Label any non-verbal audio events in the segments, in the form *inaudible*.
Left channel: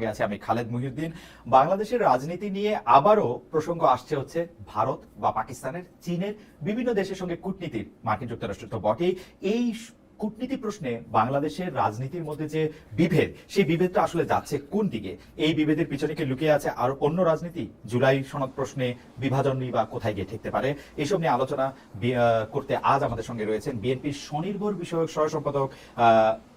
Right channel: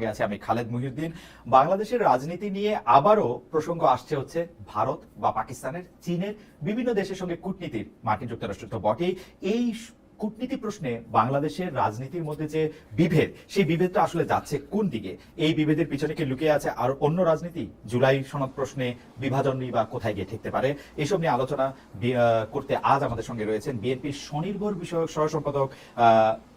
সঙ্গে আছে আমি খালেদ মুহিউদ্দিন। বাংলাদেশের রাজনীতি নিয়ে আবারও প্রসঙ্গ আসছে হচ্ছে ভারত বা পাকিস্তানের, চীনের বিভিন্ন দেশের সঙ্গে কূটনীতির মার্কিন যুক্তরাষ্ট্র তো বটেই। এই কূটনীতি প্রশ্নে বাংলাদেশের রাজনীতির মধ্যে যে বিভেদ সেই বিভেদটা আসলে যাচ্ছে কোন দিকে? এই বিভেদের পিছনে কি লুকিয়ে আছে আর অন্য রাজনীতি? জুলাই সনদ প্রশ্নে বিভাজন নিয়ে বা কোথায় গিয়ে ঠেকতে পারে? এসব নিয়ে আলোচনা করতে আজ আমাদের সঙ্গে রয়েছেন বিএনপির স্বনির্ভর বিষয়ক সহ সম্পাদক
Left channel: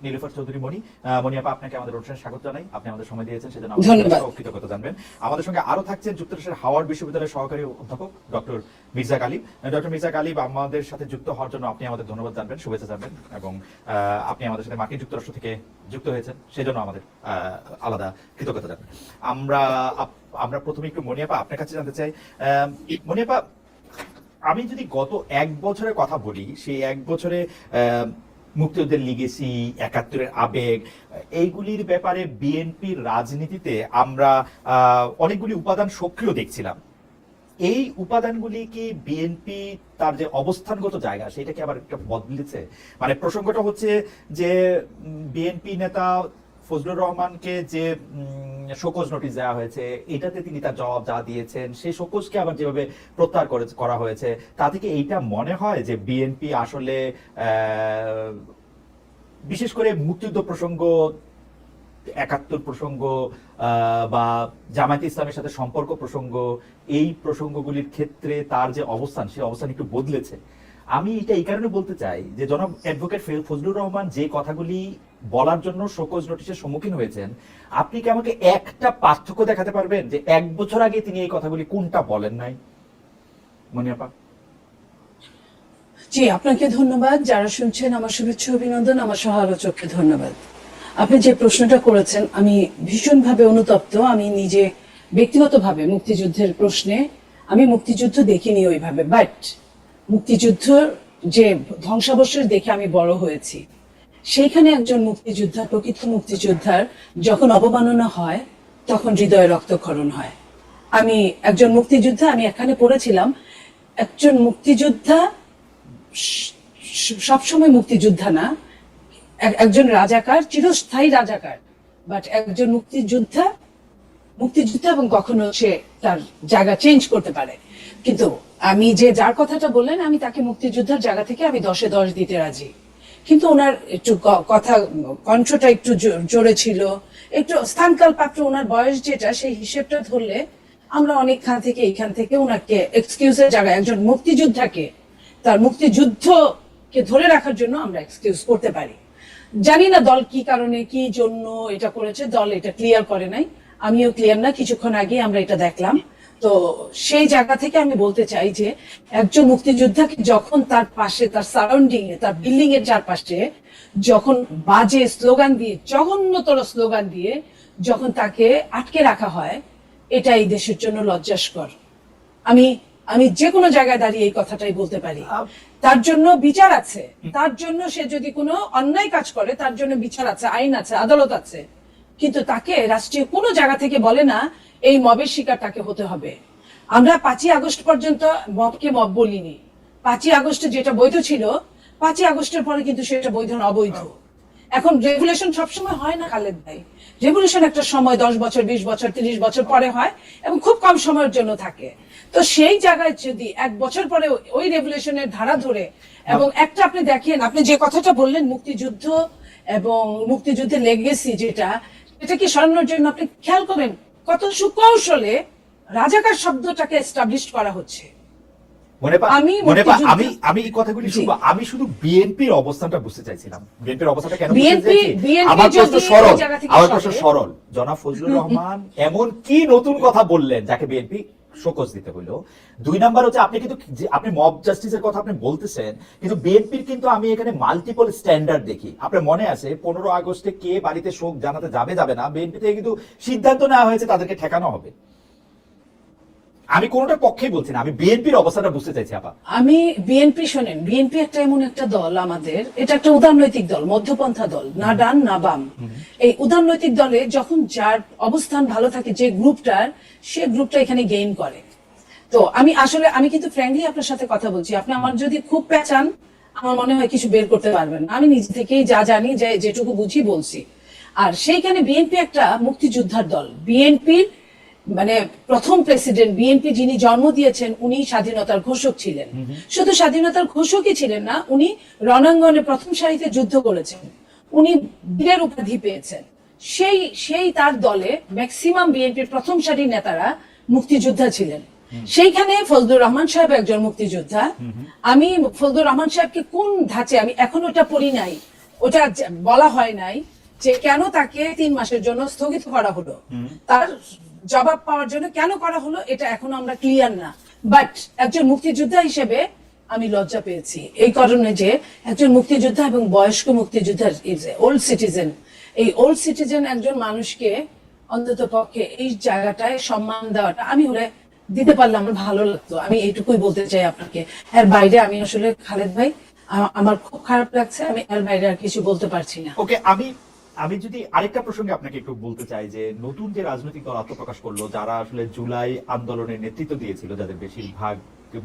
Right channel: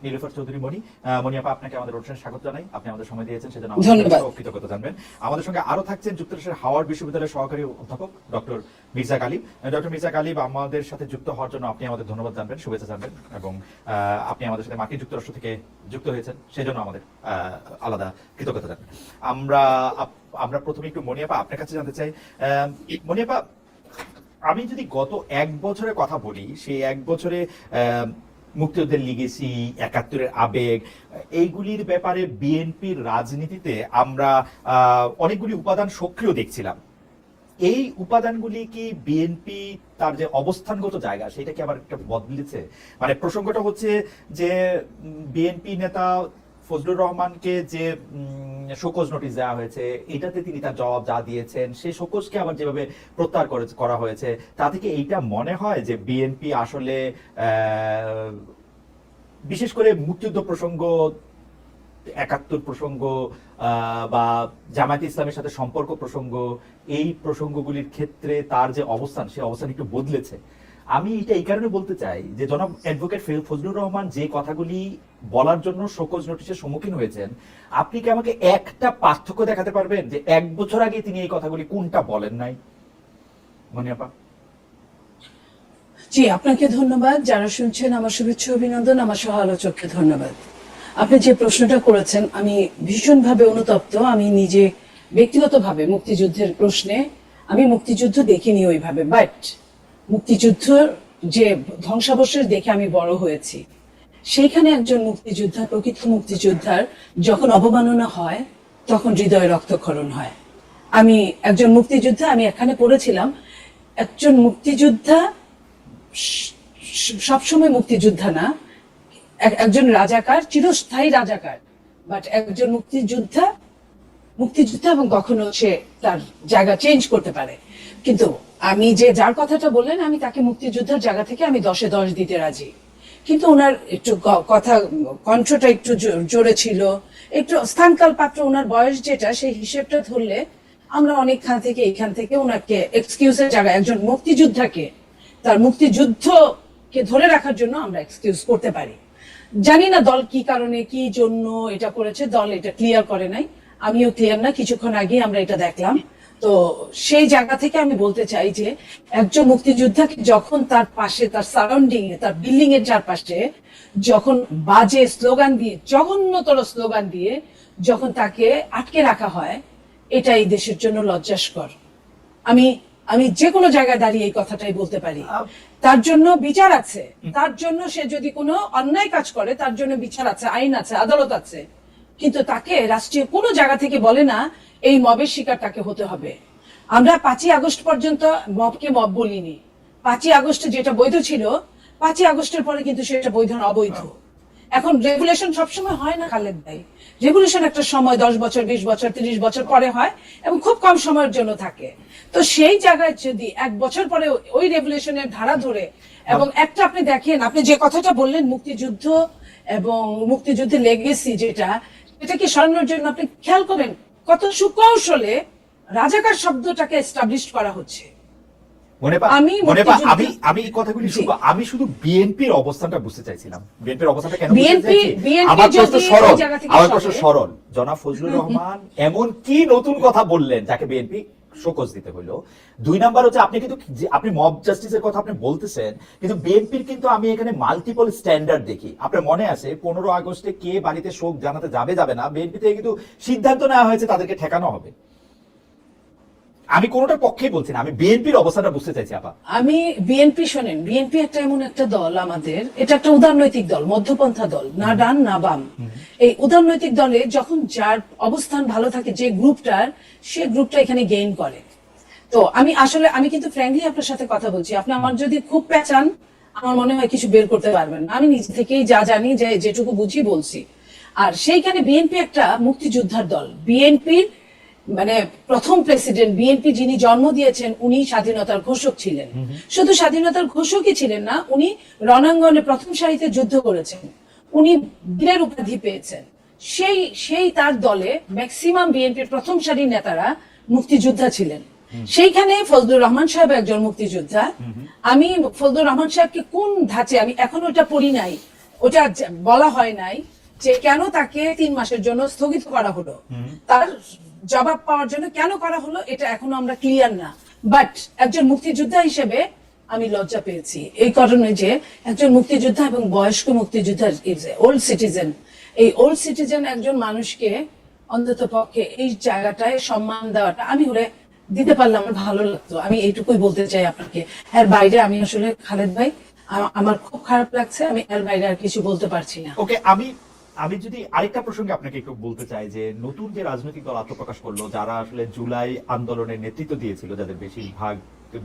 নীলুফার চৌধুরী মণি। মণি আপা আপনাকে আমাদের অনুষ্ঠানে স্বাগত জানাই। আপনি আমাদের সময় দিয়েছেন সেজন্য আমাদের কৃতজ্ঞতা জানবেন। আমাদের সঙ্গে আরও থাকছেন যুক্তরাষ্ট্রের হাওয়ার্ড বিশ্ববিদ্যালয়ের সহকারী অধ্যাপক ডক্টর মির্জা গালিব। ডক্টর মির্জা গালিব আমাদের সাথে যুক্ত হওয়ার জন্য আপনি আমাদের ধন্যবাদ জানবেন শুভেচ্ছা জানবেন এবং আহ, আপনি আমাদের সাথে মার্কিন যুক্তরাষ্ট্র থেকে যুক্ত হয়েছেন সেজন্য আমাদের আলাদা কৃতজ্ঞতা জানবেন আমরা আমরা প্রথমে একটু মনিয়াপা আপনার কাছে জানতে চাই মনিয়াপা আমি যদি গত এক বছরের কথা বলি সেই এক বছরে মুক্তিযুদ্ধের লিগেসি একাত্তরের আবেগ এইগুলির ব্যাপারে বিএনপির রাজনীতিতে আমরা অনেকগুলি উপাদান সক্রিয় দেখছিলাম। এই উপাদানগুলি কি বিএনপি তার যে অবস্থানগত জায়গা সেটা কি আবার একটা বদলেছে? মানে প্রসঙ্গটা হচ্ছে যে বিএনপি নেতা ফজলুর রহমানকে যে শোকজ নোটিশ দেওয়া হয়েছে, এটাতে তিনি তার জবাব যা দিয়েছেন সেই শোকজকে আবার যেভাবে প্রত্যাহার করে হয়েছে, তা থেকে এইটা মনে হয় যে বিএনপি আসলে বিশেষ করে মুক্তিযুদ্ধ প্রসঙ্গ, একাত্তর প্রসঙ্গ বা জামায়াত ইসলামের সাথে সম্পর্ক প্রসঙ্গ, এই প্রসঙ্গগুলির ক্ষেত্রে তার যে অবস্থান সেই অবস্থান একটু বদলেছে। আমি এটা এই কারণে বলতে চাই যে জনাব অ্যাডভোকেট ফজলুর রহমান যে কথাগুলি বলার জন্য শোকজ নোটিশের সম্মুখীন হয়েছেন, আপনি কি আমাকে একটা পার্থক্য দেখাতে পারবেন যে এক বছর আগে তিনি এই কথাগুলি কোনটা বলেন নাই? মনিয়াপা জি, আপনাকে ধন্যবাদ। যারা শুনছেন, আমার শুভেচ্ছা, অভিনন্দন, আমার সহ আলোচককে ধন্যবাদ। আপনি যে প্রশ্নটা করেছেন, আমি ভীষণভাবে অনুতপ্ত। আমি নিজে ব্যক্তিগতভাবে মুক্তিযুদ্ধের প্রশ্নে আমি মুক্তিযুদ্ধ দেখিনি ওইভাবে বাট মুক্তিযুদ্ধ যে ধ্বংসাবশেষ দেখে আমি বড় হয়েছি, সেইখানে একজন মুক্তিযোদ্ধা, প্রকৃত মুক্তিযোদ্ধার যখন অবমাননা হয়, তখন হৃদয়ে রক্তক্ষরণ হয়। আমি একজন মুক্তিযোদ্ধা, আমি এখানে পড়েছিলাম, একজন মুক্তিযোদ্ধা সবসময় মুক্তিযোদ্ধা না একজন রাজাকার, চিরস্থায়ী রাজাকার। বাট একজন মুক্তিযোদ্ধা মুক্তিযোদ্ধা এবং কখনো সে তার জায়গা চেঞ্জ করতে পারে। কিন্তু আমি যে যার কথাটা বললেন, আমি তাকে মুক্তিযোদ্ধার জায়গা থেকে আমি দশে দশ দিতে রাজি। কিন্তু ওনার একটু কথা, কণ্ঠটা একটু জোরে ছিল। একটু স্থানকাল পাত্র ওনার বয়স যেটা, সেই হিসেবটা ধরলে আমরা অনেক খান থেকে এইখান থেকে ওনাকে এক্সকিউজের জায়গায় একজন মুক্তিযোদ্ধাকে, তার মুক্তিযুদ্ধকে ধরে রাখার জন্য আমরা এক্সকিউজ করতে পারি। জানি না দল কি কারণে, কি জন্য এটা করেছে, দল এটা ক্লিয়ার করে নাই। আমিও ক্লিয়ার না, কিছুক্ষণ আগে আমরা এটা দেখলাম। তো সেই জায়গা থেকে আমি বলতে চাই যে, একজন মুক্তিযোদ্ধাকে যখন তার পাশে, তার সারাউন্ডিং এ, তার বিল্ডিং এর চারপাশে যখন বাজে স্লোগান দিয়ে, জঘন্যতর স্লোগান দিয়ে যখন তাকে আটকে রাখা হয়, এটা এই দেশের জন্য লজ্জাস্কর। আমি আমি যে কোনো জায়গায় দাঁড়িয়ে এই কথাটাই বলতে পারি। তার জন্য বিচার আছে। তার জন্য সে যদি কোনো অন্যায় কাজ করে তার জন্য বিচার আছে আইন আছে আদালত আছে। কিন্তু তাকে রাষ্ট্রীয় কোনো জায়গা থেকে বলে না এই মবের শিকার তাকে হতে হবে। আমরা পাঁচই আগস্ট পর্যন্ত মবকে মব বলিনি। পাঁচই আগস্টে যেটা বৈধ ছিল পাঁচই আগস্টের পরে কিন্তু সেটা বৈধ না অবৈধ। এখন রেগুলেশন সবসময় হয় না খালেদ ভাই। রেগুলেশন একটা সময়, দশ বছর, বিশ বছর, তিরিশ বছর পরে হয় এবং খুব কম সময়ের জন্য থাকে। তো সেই জায়গায় যদি এক বছর পরে ওই রেগুলেশনের ধারা ধরে এবং একটা আপনি দেখেন, আপনি যে কথাটা বললেন, মুক্তিযুদ্ধ এবং মুক্তিযুদ্ধের লেগেসি যেটা, এটা কি সরানোর জন্য আপনি খেয়াল করেন কত সুকৌশলে রাজাকার শব্দটাকে এস্টাবলিশ করা হচ্ছে? আমি আমি আমি এই কথাগুলি জি। আমি শুধু বিএনপির অবস্থানটা বুঝতে চাইছিলাম। বিএনপির অবস্থানটা কেন BNP বুঝতে চাইছি? BNP আমার প্রশ্ন সরল এই জায়গা থেকে আমার প্রশ্ন সরল। জনাব ফজলুর রহমান এমন কি নতুন কথা বললেন যাকে বিএনপি শোকজ দিতে হলো? দুই নাম্বার হচ্ছে আপনি কিন্তু আপনি মব জাস্টিসের কথা আপনি বলতেছেন কিন্তু বিএনপির কিন্তু আমি এখানে মাল্টিপল স্ট্যান্ডার্ড দেখি। আপনার মনে আছে পনেরো আগস্টে কে বাড়িতে শোক জানাতে যাবে যাবে না? বিএনপি থেকে কিন্তু সিদ্ধান্ত নেওয়া হয়েছে তাদেরকে ঠেকানো হবে। আমি কোনোটার পক্ষেই বলছি না, আমি বিএনপির অবস্থাটা বুঝতে চাইছি, আপা। আমি বিএনপি শোনেন, বিএনপি একটা এমন একটা দল আমাদের, এটা একটা উদারনৈতিক দল, মধ্যপন্থা দল, না ডান না বাম। এই উদারনৈতিক দলে যখন যার অবস্থান ভালো থাকে, যে গ্রুপটার, সে গ্রুপটা এখানে গেইন করে। তো আমি আসলে, আমি কিন্তু ফ্র্যাঙ্কলি আপনার সাথে কথা বলছি, আপনি আমার যদি খুব পেঁচান আমার মনে হয় কিছু বের করতে পারবেন আমি নিজে থেকেই যা জানি, যে যেটুকু বুঝি বলছি। আর সেইখানে বিএনপি একটা মুক্তিযোদ্ধার দল, বিএনপির মানে প্রথম প্রেসিডেন্ট বিএনপি যিনি জন্ম দিয়েছেন উনি স্বাধীনতার ঘোষক ছিলেন। শুধু স্বাধীনতার ঘোষকই ছিলেন না উনি রণাঙ্গনে প্রথম সারিতে যুদ্ধ করেছেন। উনি বীরের উপাধি পেয়েছেন। সেই সেই তার দলে ম্যাক্সিমাম বিএনপির প্রথম সারির নেতারা মুক্তিযোদ্ধা ছিলেন। সেইখানে ফজলুর রহমান সাহেব একজন মুক্তিযোদ্ধা। আমি ফজলুর রহমান সাহেবকে কোন ধাঁচে আমি এখন ওটা পড়ি নাই ওটা বলা হয় নাই যে কেন তাকে তিন মাসের জন্য স্থগিত করা হলো। তার জবাব পাওয়ার জন্য কেন করা হলো এটা এখনও আমরা ক্লিয়ার না। বাট একজন মুক্তিযোদ্ধা হিসেবে আমি লজ্জা পেয়েছি। এই কারণে যে একজন মুক্তিযোদ্ধা এবং বয়স্ক মুক্তিযোদ্ধা ইজ ওল্ড সিটিজেন এই ওল্ড সিটিজেন একজন মানুষকে অন্তত পক্ষে এই জায়গাটায় সম্মান দেওয়াটা আমি হলে দিতে পারলে আমার ভালো লাগতো। আমি এইটুকুই বলতে চাই আপনাকে। এর বাইরে আমি আসলে খালেদ ভাই আমার খুব খারাপ লাগছে, আমি এর বাইরে আর কিছু বলতে পারছি না। ওকে আমি আমি যদি আরেকটা প্রসঙ্গে আপনাকে একটু বলতে চাই যে নতুন যে রাজনৈতিক দল আত্মপ্রকাশ করল, যারা আসলে জুলাই আন্দোলনের নেতৃত্ব দিয়েছিল, যাদের বেশিরভাগ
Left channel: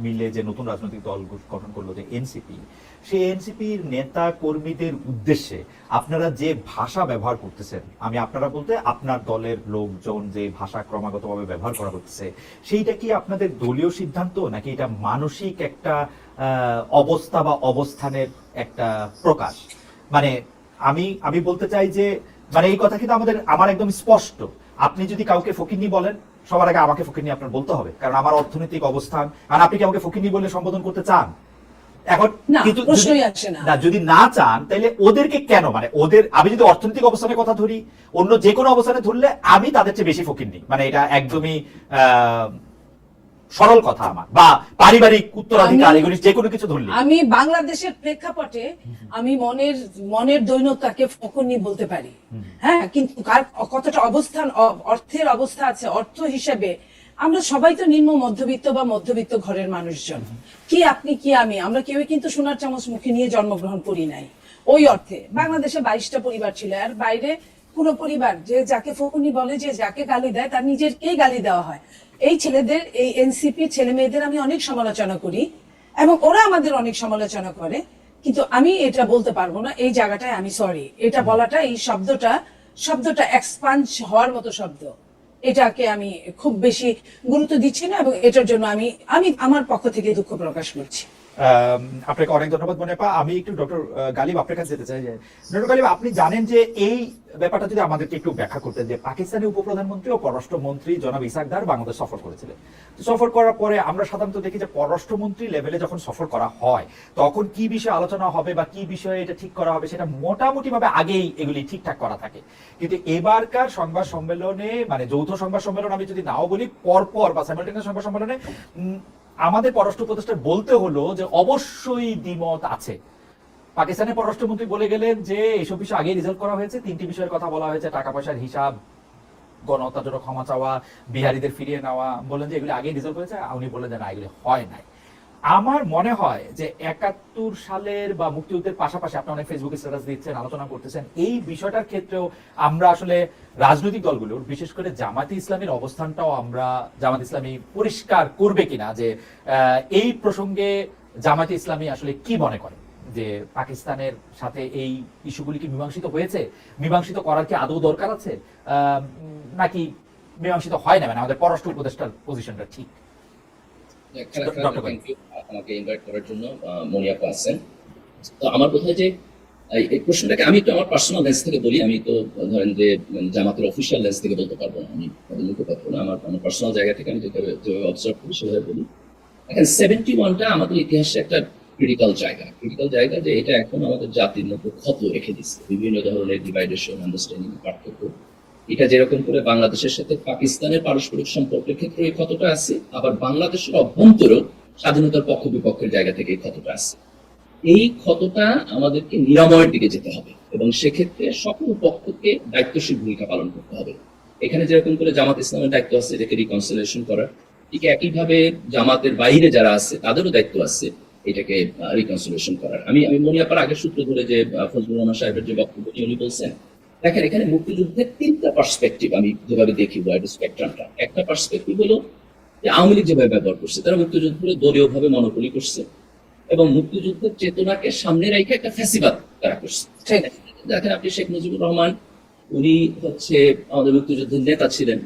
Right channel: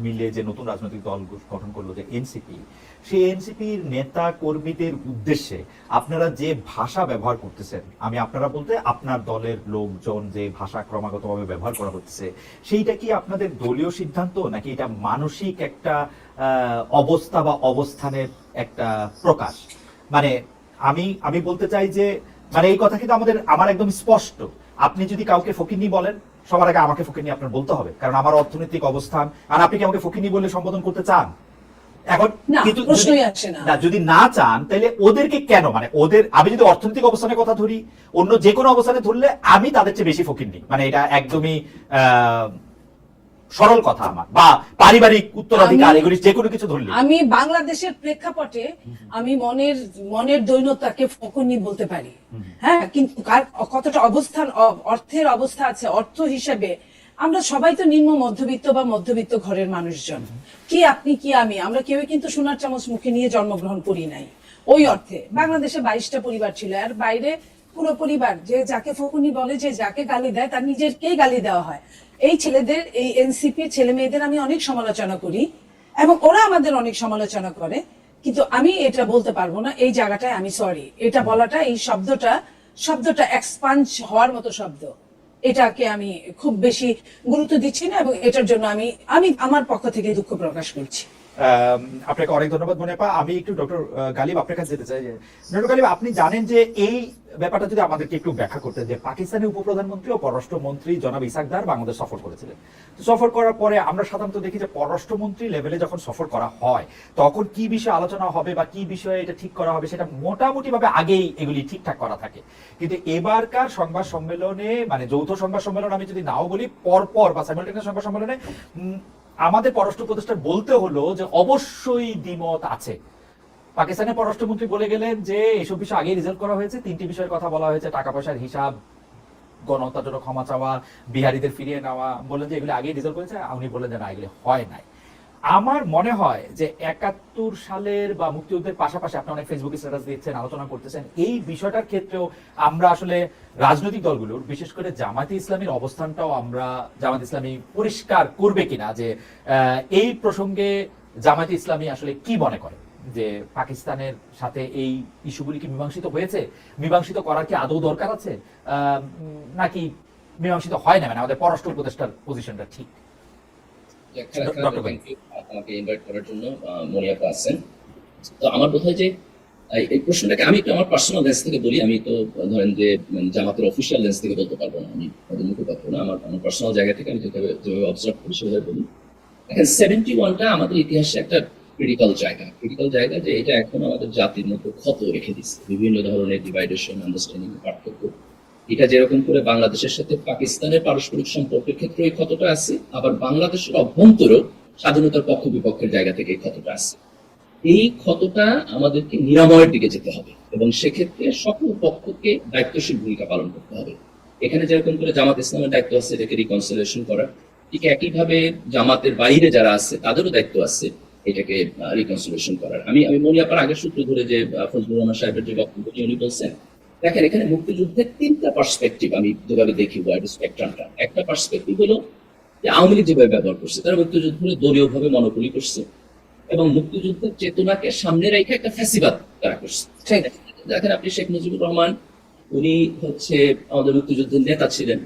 মিলে যে নতুন রাজনৈতিক দল গঠন করল, যে এনসিপি, সেই এনসিপির নেতা কর্মীদের উদ্দেশ্যে আপনারা যে ভাষা ব্যবহার করতেছেন, আমি আপনারা বলতে আপনার দলের লোকজন যে ভাষা ক্রমাগতভাবে ব্যবহার করা হচ্ছে, সেইটা কি আপনাদের দলীয় সিদ্ধান্ত, নাকি এটা মানসিক একটা অবস্থা বা অবস্থানের একটা প্রকাশ? মানে আমি আমি বলতে চাই যে মানে এই কথা কিন্তু আমাদের আমার একদম স্পষ্ট। আপনি যদি কাউকে ফকিনি বলেন সবার আগে আমাকে ফকিনি আপনার বলতে হবে কারণ আমার অর্থনৈতিক অবস্থান আর আপনি কি আমাকে ফকিনি বলে সম্বোধন করতে চান? এখন কিন্তু না। যদি না চান তাহলে ওদেরকে কেন? মানে ওদের আমি যদি অর্থনৈতিক অবস্থানের কথা ধরি অন্য যে কোনো অবস্থানে ধরলে আমি তাদের চেয়ে বেশি ফকির মানে এটা একদমই আহ, সরল কথা আমার বা পারিবারিক উত্তরাধিকার এগুলি যে কোনো কিছু ধরলে আমি বাংলাদেশের প্রেক্ষাপটে আমি মনের মনের দৈনতাকে ফকনি বলতে পারি। হ্যাঁ কিন্তু কার কতটা অবস্থান অর্থের অবস্থা আছে অর্থ হিসেবে আমরা সবাই তো নিম্ন মধ্যবিত্ত বা মধ্যবিত্ত ঘরের মানুষজন। কি আপনি কি আমি? আমরা কেউ কিন্তু সোনার চামচ মুখে নিয়ে জন্মগ্রহণ করি নাই। ওই অর্থে। বাংলাদেশে বাইশটা পরিবার ছিল আর বাইরে পুরো পরিবার, যে যাকে ফকুনি বলে, যে যাকে গালি দেয়, তার নিজেরকেই গালি দেওয়া হয়। এই ছেলেদের, এই এনসিপি ছেলে মেয়েদের আমি অনেক সমালোচনা করি এবং ওরা আমাদের অনেক সমালোচনা করে, কিন্তু আমি এটা বলতে পারব না, এই জায়গাটায় আমি সরি এটা বলাটা, এই শব্দটা শব্দটা এক্সপান্স হওয়ার মতো শব্দ। এটাকে আমি খুব বেশি গুরুত্ব দিচ্ছি না এবং এটার জন্য আমি আমি আমার পক্ষ থেকে দুঃখ প্রকাশ করছি। আপনাকে অনেক ধন্যবাদ মনে পা, আমি একটু ডক্টর গালিব আপনার কাছে যেতে চাই। ডক্টর গালিব, আপনি জানেন যে এই ব্যাপারটা যদি আমাদেরকে একটু ব্যাখ্যা করতেন যে পাকিস্তানের উপপ্রধানমন্ত্রী ও পররাষ্ট্রমন্ত্রী জনাব ইসাকদার বাংলাদেশ সফর করেছিলেন। সফর করার পরে আমরা সাধারণত দেখি যে পররাষ্ট্রমন্ত্রী লেভেলে যখন সফর করা হয়, তখন কি বিষয়ে আলোচনা হবে বা কি বিষয়ে এটা ঠিক করা হবে সেটা মোটামুটি ভাবে আগেই এগুলি ঠিকঠাক করা থাকে। কিন্তু এবারকার সংবাদ সম্মেলনে মানে যৌথ সংবাদ সম্মেলন আমি যদি নাও বলি, পরপর বা সাইমালটেনিয়াস সংবাদ সম্মেলনে আমাদের পররাষ্ট্র প্রতিষ্ঠান বলতে হলো যে অবশ্যই দ্বিমত আছে। পাকিস্তানের পররাষ্ট্রমন্ত্রী বলে গেলেন যে এইসব বিষয় আগে রিজলভ করা হয়েছে, তিনটি বিষয়ের কথা বলা হয়েছে টাকা পয়সার হিসাব জন্য ক্ষমা চাওয়া, বিহারীদের ফিরিয়ে নেওয়া, বললেন যে এগুলি আগে রিজলভ করেছে, উনি বলে দেন এগুলি হয় নাই। আমার মনে হয় যে একাত্তর সালের বা মুক্তিযুদ্ধের পাশাপাশি আপনি অনেক ফেসবুকে স্ট্যাটাস দিচ্ছেন, আলোচনা করতেছেন, এই বিষয়টার ক্ষেত্রেও আমরা আসলে রাজনৈতিক দলগুলোর, বিশেষ করে জামাতে ইসলামের অবস্থানটাও আমরা জামাত ইসলামী পরিষ্কার করবে কিনা, যে এই প্রসঙ্গে জামাতে ইসলামী আসলে কি মনে করে? যে, পাকিস্তানের সাথে এই ইস্যুগুলি কি মীমাংসিত হয়েছে? মীমাংসিত করার কি আদৌ দরকার আছে? নাকি মীমাংসিত হয় না? মানে আমাদের পররাষ্ট্র উপদেষ্টার পজিশনটা ঠিক খারাপ ডক্টর খারাপ থ্যাংক ইউ আমাকে ইনভাইট করার জন্য আহ, মনিয়াপা আছেন। তো আমার বোধ হয় যে এই- প্রশ্নটাকে আমি তো আমার পার্সোনাল লেন্স থেকে বলি আমি তো ধরেন যে জামাতের অফিসিয়াল লেন্স থেকে বলতে পারব না আমি মুখপাত্র না আমার আমার পার্সোনাল জায়গা থেকে আমি যেভাবে যেভাবে অবজার্ভ করি সেভাবে বলি। দেখেন সেভেন্টি ওয়ানটা আমাদের ইতিহাসে একটা ক্রিটিক্যাল জায়গা। ক্রিটিক্যাল জায়গা যে এটা এখন আমাদের জাতির মধ্যে ক্ষত রেখে দিচ্ছে বিভিন্ন ধরনের ডিভাইডেশন আন্ডারস্ট্যান্ডিং পার্থক্য। এটা যেরকম করে বাংলাদেশের সাথে পাকিস্তানের পারস্পরিক সম্পর্কের ক্ষেত্রে এই ক্ষতটা আছে, আবার বাংলাদেশের অভ্যন্তরেও স্বাধীনতার পক্ষ বিপক্ষের জায়গা থেকে এই ক্ষতটা আছে। এই ক্ষতটা আমাদেরকে নিরাময়ের দিকে যেতে হবে এবং সেক্ষেত্রে সকল পক্ষকে দায়িত্বশীল ভূমিকা পালন করতে হবে। এখানে যেরকম করে জামাত ইসলামের দায়িত্ব আছে এটাকে রিকনসিলেশন করার। ঠিক একইভাবে জামাতের বাইরে যারা আছে, তাদেরও দায়িত্ব আছে এটাকে রিকনসিলেশন করার। আমি আমি মনিয়াপার আগের সূত্র ধরে যে ফজলুর রহমান সাহেবের যে বক্তব্য উনি বলছেন দেখেন এখানে মুক্তিযুদ্ধের তিনটা পার্সপেক্টিভ আমি যেভাবে দেখি ওয়াইড স্পেকট্রামটা একটা পার্সপেক্টিভ হলো যে আওয়ামী লীগ যেভাবে ব্যবহার করছে তারা মুক্তিযুদ্ধ দলীয়ভাবে মনোপলি করছে এবং মুক্তিযুদ্ধের চেতনাকে সামনে রেখে একটা ফ্যাসিবাদ তারা করছে। দেখেন আপনি শেখ মুজিবুর রহমান উনি হচ্ছে আমাদের মুক্তিযুদ্ধের নেতা ছিলেন।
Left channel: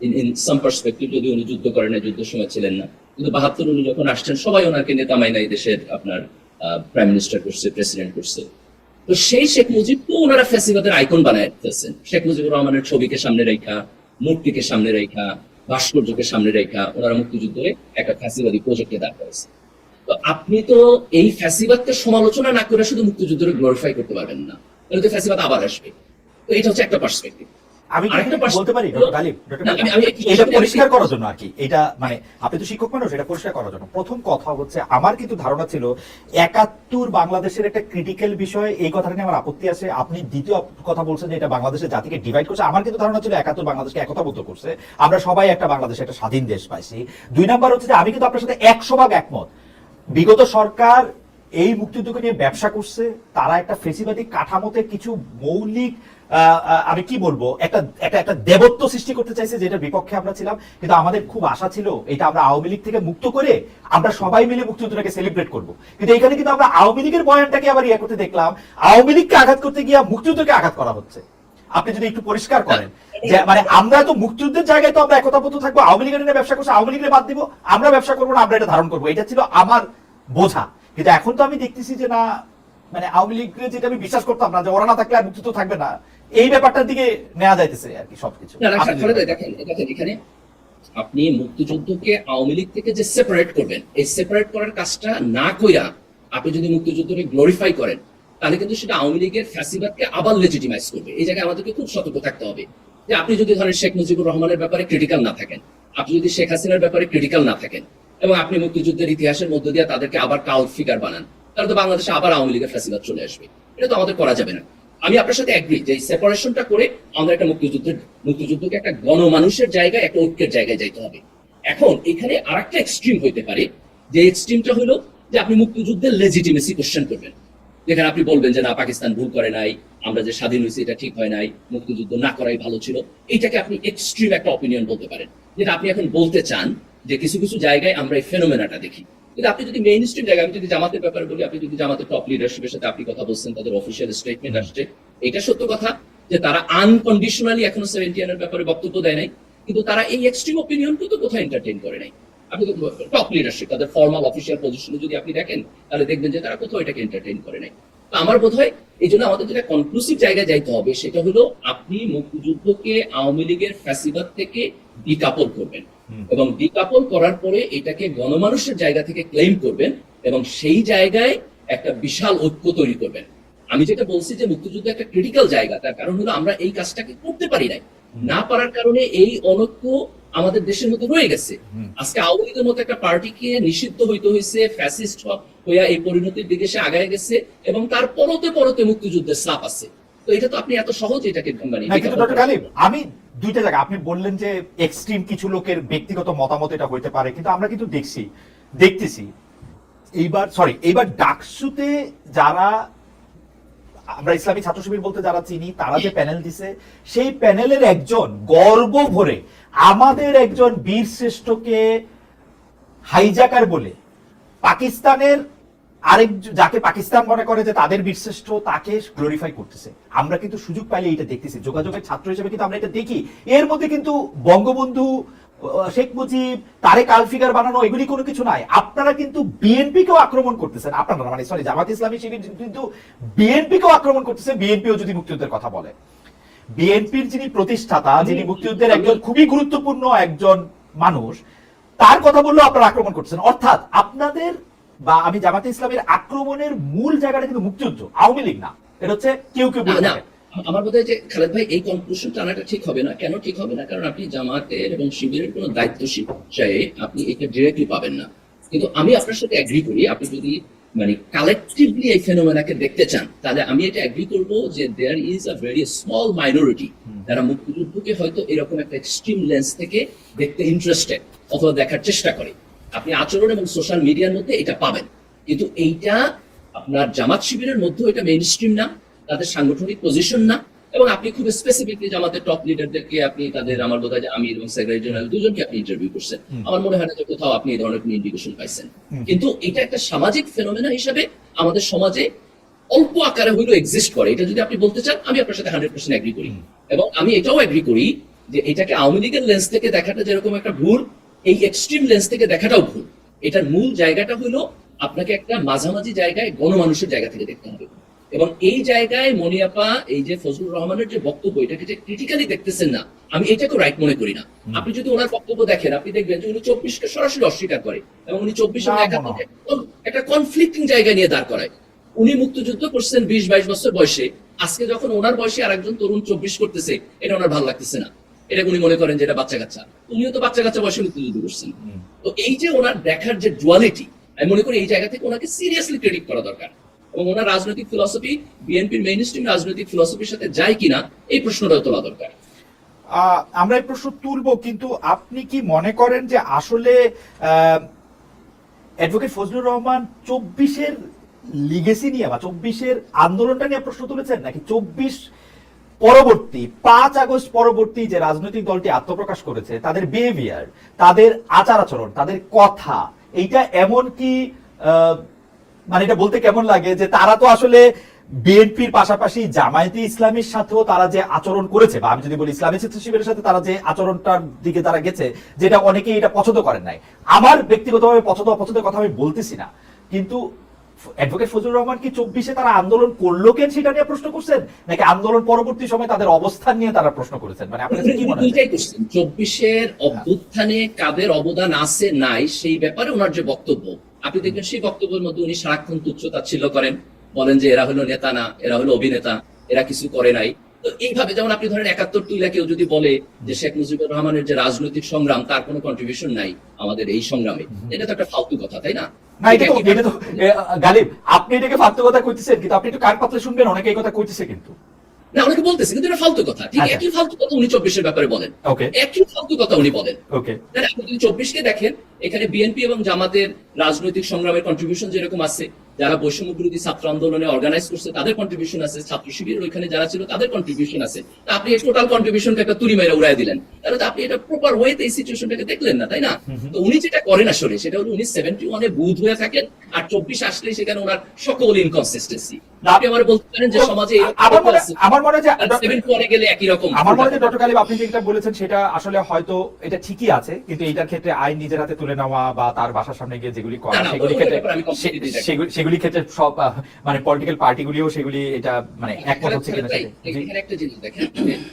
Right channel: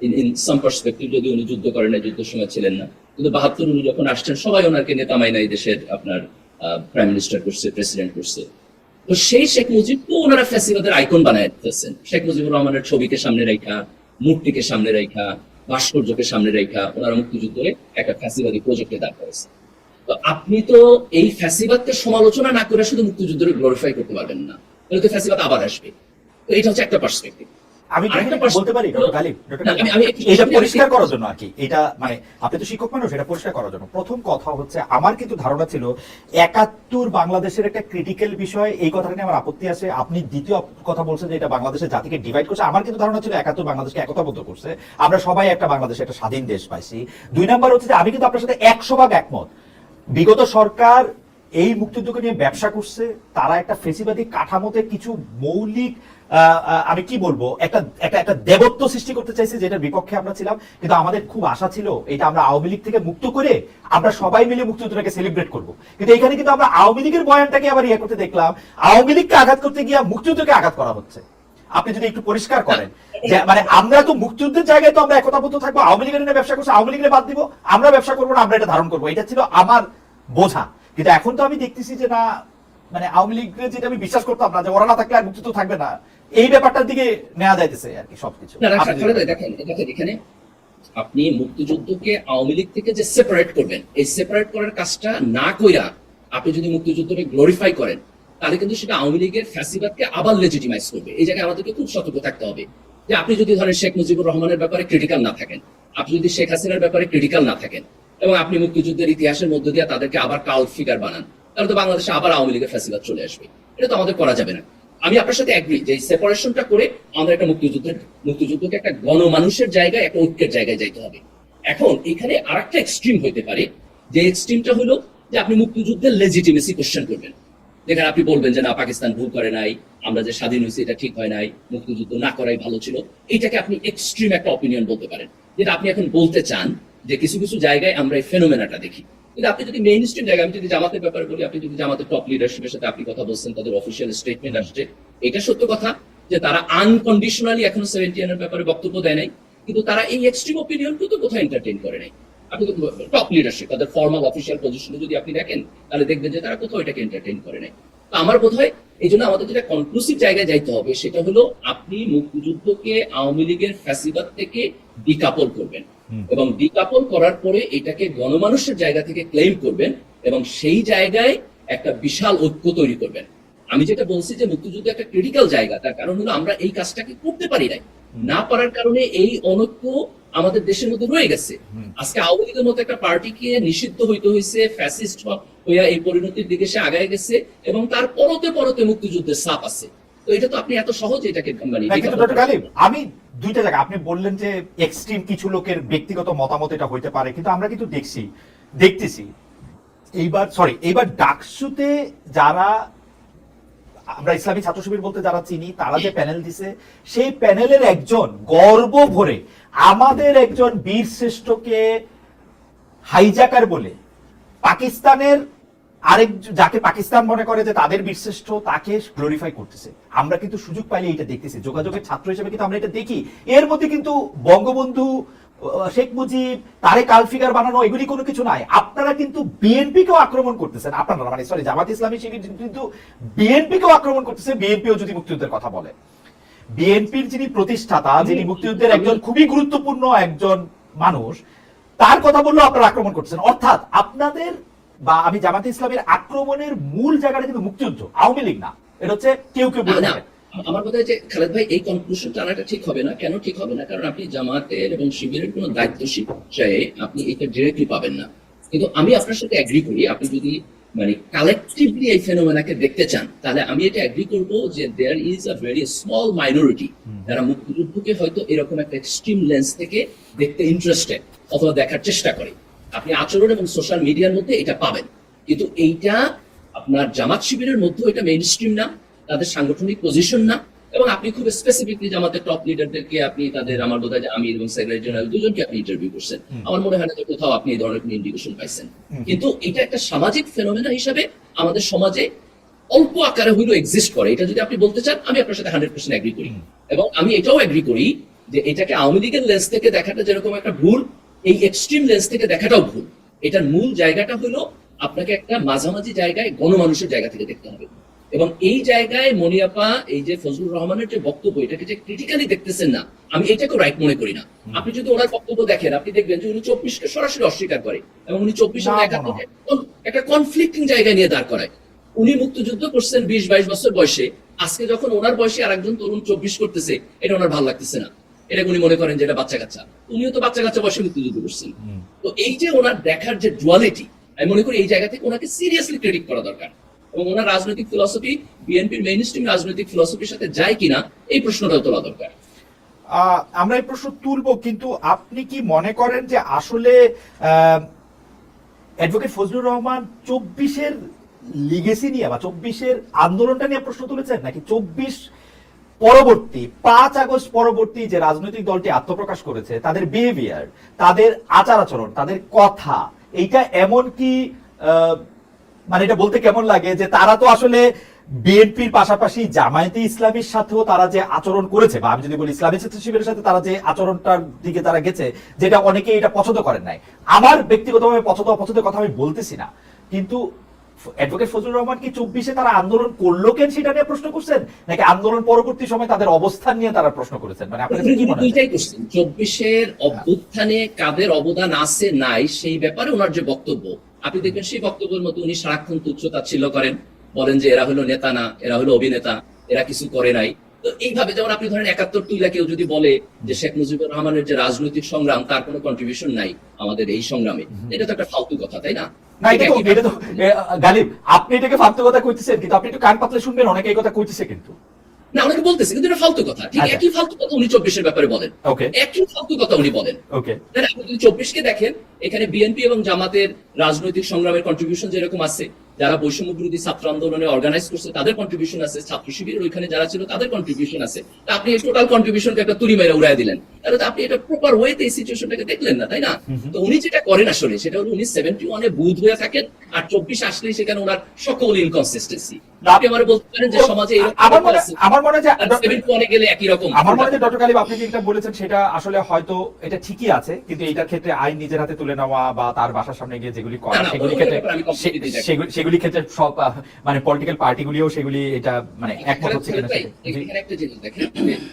ইন ইন সাম পার্সপেক্টিভ যদি উনি যুদ্ধ করেন না যুদ্ধের সময় ছিলেন না। কিন্তু বাহাত্তর উনি যখন আসছেন সবাই ওনাকে নেতা মাইনা এই দেশের আপনার প্রাইম মিনিস্টার করছে প্রেসিডেন্ট করছে। তো সেই শেখ মুজিবকে ওনারা ফ্যাসিবাদের আইকন বানায় দিতেছেন শেখ মুজিবুর রহমানের ছবিকে সামনে রেখা, মূর্তিকে সামনে রেখা, ভাস্কর্যকে সামনে রেখা ওনারা মুক্তিযুদ্ধে একটা ফ্যাসিবাদী প্রজেক্টে দাঁড় করেছে তো আপনি তো এই ফ্যাসিবাদকে সমালোচনা না করে শুধু মুক্তিযুদ্ধকে গ্লোরিফাই করতে পারবেন না, তাহলে তো ফ্যাসিবাদ আবার আসবে। তো এটা হচ্ছে একটা পার্সপেক্টিভ আমি বলতে পারি এটা পরিষ্কার করার জন্য আর কি। এটা মানে আপনি তো শিক্ষক মানুষ এটা পরিষ্কার করার জন্য। প্রথম কথা হচ্ছে আমার কিন্তু ধারণা ছিল একাত্তর বাংলাদেশের একটা ক্রিটিক্যাল বিষয় এই কথাটা নিয়ে আমার আপত্তি আছে। আপনি দ্বিতীয় কথা বলছেন যে এটা বাংলাদেশের জাতিকে ডিভাইড করছে। আমার কিন্তু ধারণা ছিল একাত্তর বাংলাদেশকে একতাবদ্ধ করছে। আমরা সবাই একটা বাংলাদেশে একটা স্বাধীন দেশ পাইছি। দুই নাম্বার হচ্ছে যে আমি কিন্তু আপনার সাথে একশো ভাগ একমত। বিগত সরকার এই মুক্তিযুদ্ধকে নিয়ে ব্যবসা করছে তারা একটা ফেসিবাদী কাঠামোতে কিছু মৌলিক আমি কি বলব? একটা একটা একটা দেবত্ব সৃষ্টি করতে চাইছে যেটার বিপক্ষে আমরা ছিলাম, কিন্তু আমাদের খুব আশা ছিল এটা আমরা আওয়ামী লীগ থেকে মুক্ত করে আমরা সবাই মিলে মুক্তিযুদ্ধটাকে সেলিব্রেট করব। কিন্তু এখানে কিন্তু আমরা আওয়ামী লীগের বয়ানটাকে আবার ইয়ে করতে দেখলাম, আওয়ামী লীগকে আঘাত করতে গিয়ে মুক্তিযুদ্ধকে আঘাত করা হচ্ছে। আপনি যদি একটু পরিষ্কার করেন, যে মানে আমরা তো মুক্তিযুদ্ধের জায়গায় তো আমরা একতাবদ্ধ থাকব, আওয়ামী লীগের ব্যবসা করছে, আওয়ামী লীগের বাদ দিব, আমরা ব্যবসা করব না, আমরা এটা ধারণ করব। এটা ছিল আমার বোঝা। কিন্তু এখন তো আমি দেখতেছি যে না মানে আওয়ামী লীগের যেটা আমি বিশ্বাস করতাম না, যে ওরা না থাকলে আর মুক্তিযুদ্ধ থাকবে না এই ব্যাপারটার দিকে নেওয়া যাইতেছে আর কি সবকিছু। দেখেন দেখেন এখানে আপনি মুক্তিযুদ্ধকে আওয়ামী লীগ থেকে যে সেপারেট করবেন এই সেপারেট করার কাজটা না কইরা আপনি যদি মুক্তিযুদ্ধকে গ্লোরিফাই করেন তাহলে কিন্তু সেটা আওয়ামী লীগের ফ্যাসিবাদকে আবার লেজিটিমাইজ করবে। এই জায়গায় আমাদেরকে খুব সতর্ক থাকতে হবে যে আপনি যদি ধরেন শেখ মুজিবুর রহমানের ব্যাপারে ক্রিটিক্যাল না থাকেন আপনি যদি শেখ হাসিনার ব্যাপারে ক্রিটিক্যাল না থাকেন এবং আপনি মুক্তিযুদ্ধের ইতিহাসের মধ্য দিয়ে তাদেরকে আবার কাউট ফিগার বানান তাহলে তো বাংলাদেশে আবার আওয়ামী লীগের ফ্যাসিবাদ চলে আসবে। এটা তো আমাদের করা যাবে না। আমি আপনার সাথে এগ্রি যে সেপারেশনটা করে আমরা একটা মুক্তিযুদ্ধের, মুক্তিযুদ্ধকে একটা গণমানুষের জায়গায়, একটা ঐক্যের জায়গায় যাইতে হবে। এখন এখানে আরেকটা এক্সট্রিম হইতে পারে, যে এক্সট্রিমটা হলো যে আপনি মুক্তিযুদ্ধের লেজিটিমেসি কোশ্চেন করবেন। যেখানে আপনি বলবেন যে না, পাকিস্তান ভুল করে নাই, আমরা যে স্বাধীন হয়েছি এটা ঠিক হয় নাই, মুক্তিযুদ্ধ না করাই ভালো ছিল। এইটাকে আপনি এক্সট্রিম একটা অপিনিয়ন বলতে পারেন। যেটা আপনি এখন বলতে চান যে কিছু কিছু জায়গায় আমরা এই ফেনোমেনাটা দেখি। কিন্তু আপনি যদি মেইন স্ট্রিম জায়গায়, আমি যদি জামাতের ব্যাপারে বলি, আপনি যদি জামাতের টপ লিডারশিপের সাথে আপনি কথা বলছেন, তাদের অফিসিয়াল স্টেটমেন্ট আসছে। এটা সত্য কথা যে তারা আনকন্ডিশনালি এখনও সেভেন্টিয়ানের ব্যাপারে বক্তব্য দেয় নাই, কিন্তু তারা এই এক্সট্রিম অপিনিয়ন কিন্তু কোথায় এন্টারটেইন করে নাই। আপনি তো টপ লিডারশিপ তাদের ফর্মাল অফিসিয়াল পজিশনে যদি আপনি দেখেন, তাহলে দেখবেন যে তারা কোথাও এটাকে এন্টারটেইন করে নাই। আমার বোধ হয় এই জন্য আমাদের যেটা কনক্লুসিভ জায়গায় যাইতে হবে সেটা হলো আপনি মুক্তিযুদ্ধকে আওয়ামী লীগের ফ্যাসিবাদ থেকে ডিকাপল করবেন। এবং ডিকাপল করার পরে এটাকে গণমানুষের জায়গা থেকে ক্লেম করবেন এবং সেই জায়গায় একটা বিশাল ঐক্য তৈরি করবেন। আমি যেটা বলছি যে মুক্তিযুদ্ধ একটা ক্রিটিক্যাল জায়গা তার কারণ হলো আমরা এই কাজটাকে করতে পারি নাই। না পারার কারণে এই অনৈক্য আমাদের দেশের মধ্যে রয়ে গেছে। আজকে আওয়ামী লীগের মতো একটা পার্টিকে নিষিদ্ধ হইতে হয়েছে ফ্যাসিস্ট হইয়া এই পরিণতির দিকে সে আগায় গেছে এবং তার পরতে পরতে মুক্তিযুদ্ধের সাপ আছে। তো এটা তো আপনি এত সহজে এটাকে মানে আমি দুইটা জায়গা আপনি বললেন যে এক্সট্রিম কিছু লোকের ব্যক্তিগত মতামত এটা হইতে পারে কিন্তু আমরা কিন্তু দেখছি দেখতেছি। এইবার সরি এইবার ডাকসুতে যারা আমরা ইসলামী ছাত্র শিবির বলতে যারা চিনি তারা যে প্যানেল দিছে সেই প্যানেলের একজন গর্ব ভরে আমাদের একজন বীর শ্রেষ্ঠকে হাইজাকার বলে পাকিস্তানের আরেক যাকে পাকিস্তান মনে করে যে তাদের বীরশ্রেষ্ঠ তাকে গ্লোরিফাই করতেছে। আমরা কিন্তু সুযোগ পাইলে এটা দেখতেছি। যোগাযোগের ছাত্র হিসেবে কিন্তু আমরা এটা দেখি। এর মধ্যে কিন্তু বঙ্গবন্ধু শেখ মুজিব তারে কালফিগার বানানো এগুলি কোনো কিছু নাই। আপনারা কিন্তু বিএনপি কেও আক্রমণ করতেছেন। আপনারা মানে সরি জামাত ইসলামী শিবির কিন্তু বিএনপি কেও আক্রমণ করতেছে। বিএনপিও যদি মুক্তিযুদ্ধের কথা বলে। বিএনপির যিনি প্রতিষ্ঠাতা যিনি মুক্তিযুদ্ধের একজন খুবই গুরুত্বপূর্ণ একজন মানুষ তার কথা বললেও আপনারা আক্রমণ করতেছেন। অর্থাৎ আপনাদের বা আমি জামাতে ইসলামের আক্রমণের মূল জায়গাটা কিন্তু মুক্তিযুদ্ধ আওয়ামী লীগ না। এটা হচ্ছে কেউ কেউ বলে না, আমার বোধ হয় যে খালেদ ভাই এই কনক্লুশন টানাটা ঠিক হবে না। কেন ঠিক হবে না? কারণ আপনি জামাতের এবং শিবিরের কোনো দায়িত্বশীল চাই আপনি এটা ডিরেক্টলি পাবেন না। কিন্তু আমি আপনার সাথে এগ্রি করি আপনি যদি মানে কালেকটিভলি এই ফেনোমেনাকে দেখতে চান তাহলে আমি এটা এগ্রি করব যে there is a very small minority যারা মুক্তিযুদ্ধকে হয়তো এরকম একটা এক্সট্রিম লেন্স থেকে দেখতে ইন্টারেস্টেড অথবা দেখার চেষ্টা করে আপনি আচরণ এবং সোশ্যাল মিডিয়ার মধ্যে এটা পাবেন। কিন্তু এইটা আপনার জামাত শিবিরের মধ্যেও এটা মেইন স্ট্রিম না তাদের সাংগঠনিক পজিশন না এবং আপনি খুব স্পেসিফিকলি জামাতের টপ লিডারদেরকে আপনি তাদের আমার বোধ হয় আমির এবং সেক্রেটারি জেনারেল দুজনকে আপনি ইন্টারভিউ করছেন। আমার মনে হয় না যে কোথাও আপনি এই ধরনের কোনো ইন্ডিকেশন পাইছেন। কিন্তু এটা একটা সামাজিক ফেনোমেনা হিসেবে আমাদের সমাজে অল্প আকারে হইলেও এক্সিস্ট করে। এটা যদি আপনি বলতে চান আমি আপনার সাথে হান্ড্রেড পার্সেন্ট এগ্রি করি। এবং আমি এটাও এগ্রি করি যে এটাকে আওয়ামী লীগের লেন্স থেকে দেখাটা যেরকম একটা ভুল এই এক্সট্রিম লেন্স থেকে দেখাটাও ভুল। এটার মূল জায়গাটা হলো আপনাকে একটা মাঝামাঝি জায়গায় গণমানুষের জায়গা থেকে দেখতে হবে। এবং এই জায়গায় মনিয়াপা এই যে ফজলুর রহমানের যে বক্তব্য এটাকে যে ক্রিটিক্যালি দেখতেছেন না আমি এটাকে রাইট মনে করি না। আপনি যদি ওনার বক্তব্য দেখেন আপনি দেখবেন যে উনি চব্বিশকে সরাসরি অস্বীকার করে এবং উনি চব্বিশ একটা কনফ্লিক্টিং জায়গায় নিয়ে দাঁড় করায়। উনি মুক্তিযুদ্ধ করছেন বিশ বাইশ বছর বয়সে। আজকে যখন ওনার বয়সে আরেকজন তরুণ চব্বিশ করতেছে এটা ওনার ভালো লাগতেছে না। এটা উনি মনে করেন যে এটা বাচ্চা কাচ্চা উনিও তো বাচ্চা কাচ্চা বয়সে মুক্তিযুদ্ধ করছেন তো এই যে ওনার দেখার যে ডুয়ালিটি আমি মনে করি এই জায়গা থেকে ওনাকে সিরিয়াসলি ক্রেডিট করা দরকার। এবং ওনার রাজনৈতিক ফিলসফি বিএনপির মেইন স্ট্রিম রাজনৈতিক ফিলসফির সাথে যায় কিনা এই প্রশ্নটা তোলা দরকার। আহ, আমরা এই প্রশ্ন তুলবো কিন্তু আপনি কি মনে করেন যে আসলে অ্যাডভোকেট ফজলুর রহমান চব্বিশের লিগেসি নিয়ে বা চব্বিশের আন্দোলনটা নিয়ে প্রশ্ন তুলেছেন? নাকি চব্বিশ পরবর্তী, পাঁচ আগস্ট পরবর্তী যে রাজনৈতিক দলটি আত্মপ্রকাশ করেছে, তাদের বিহেভিয়ার তাদের আচার আচরণ তাদের কথা, এইটা এমন কি মানে এটা বলতে কেমন লাগে যে তারা তো আসলে বিএনপির পাশাপাশি জামায়াতে ইসলামীর সাথেও তারা যে আচরণ করেছে, বা আমি যদি বলি ইসলামী শিবিরের সাথে তারা যে আচরণটার দিকে তারা গেছে, যেটা অনেকেই এটা পছন্দ করেন নাই। আমার ব্যক্তিগতভাবে পছন্দ অপছন্দের কথা আমি বলতেছি না। কিন্তু অ্যাডভোকেট ফজলুর রহমান কি চব্বিশে তারা আন্দোলন করল কেন সেটা নিয়ে প্রশ্ন করছেন? নাকি আন্দোলন পরবর্তী সময় তাদের অবস্থান নিয়ে তারা প্রশ্ন করেছেন? মানে চব্বিশের অভ্যুত্থানে কাদের অবদান আছে, নাই, সেই ব্যাপারে ওনার যে বক্তব্য, আপনি দেখবেন সেই বক্তব্যের মধ্যে উনি সারাক্ষণ তুচ্ছ তাচ্ছিল্য করেন। বলেন যে, এরা হলো নেতা না, এরা হলো অভিনেতা, এরা কিছু করে নাই। তো এইভাবে যেমন আপনি ধরেন একাত্তর তুইলা কেউ যদি বলে যে শেখ মুজিবুর রহমানের যে রাজনৈতিক সংগ্রাম তার কোনো কন্ট্রিবিউশন নাই আমাদের এই সংগ্রামে। এটা তো একটা ফালতু কথা তাই না? গালিব আপনি এটাকে ফালতু কথা কইতেছেন কিন্তু আপনি একটু কান পাতলে শুনবেন অনেকে এই কথা কইতেছে কিন্তু। না অনেকে বলতেছে কিন্তু এটা ফালতু কথা। ঠিক আচ্ছা। একই ফালতু কথা উনি চব্বিশের ব্যাপারে বলেন। ওকে। একই ফালতু কথা উনি বলেন। আপনি যদি চব্বিশকে দেখেন এখানে বিএনপি এবং জামাতের রাজনৈতিক সংগ্রামের কন্ট্রিবিউশন যেরকম আছে যারা বৈষম্য বিরোধী ছাত্র আন্দোলনে অর্গানাইজ করছে তাদের কন্ট্রিবিউশন আছে। ছাত্র শিবিরের ওইখানে যারা ছিল তাদের কন্ট্রিবিউশন আছে। আপনি টোটাল কন্ট্রিবিউশনকে একটা তুলি মেরে উড়াই দিলেন। তাহলে তো আপনি এটা প্রপার ওয়েতে এই সিচুয়েশনটাকে দেখলেন না তাই না? তো উনি যেটা করেন আসলে সেটা হলো উনি সেভেন্টি ওয়ানে বুধ হয়ে থাকেন আর চব্বিশ আসলেই সেখানে ওনার সকল ইনকনসিস্টেন্সি আপনি আমার বলতে পারেন যে সমাজে আমার মনে হয় সেভেন্টি ওয়ানে গেলে একই রকম। আমার মনে হয় ডক্টর কালিব আপনি যেটা বলেছেন সেটা আসলে হয়তো এটা ঠিকই আছে কিন্তু এইটার ক্ষেত্রে আইন নিজের হাতে তুলে নেওয়া বা তার বাসার সামনে গিয়ে যেগুলি করা না, না, সেগুলি ক্ষেত্রে। সেগুলি- সেগুলি ক্ষেত্রে সব মানে পলিটিক্যাল পার্টিগুলিও সেগুলি এটা মানে একমত হচ্ছে কিনা এখানে একটা জিনিস দেখেন